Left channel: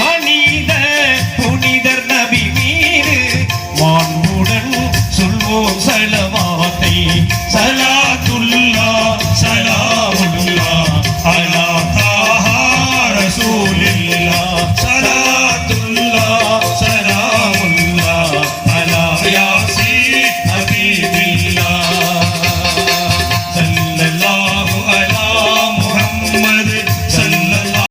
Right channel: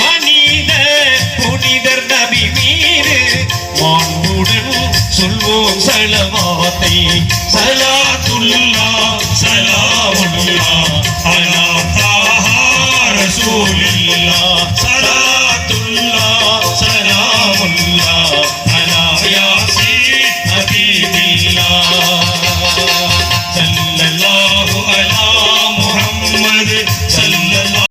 மனித புனிதர் நபி மீது மாண்புடன் சொல்வோம் சலவாத்தை. சலாத்துல்லா சலாமுல்லா அலா ரசூலில்லா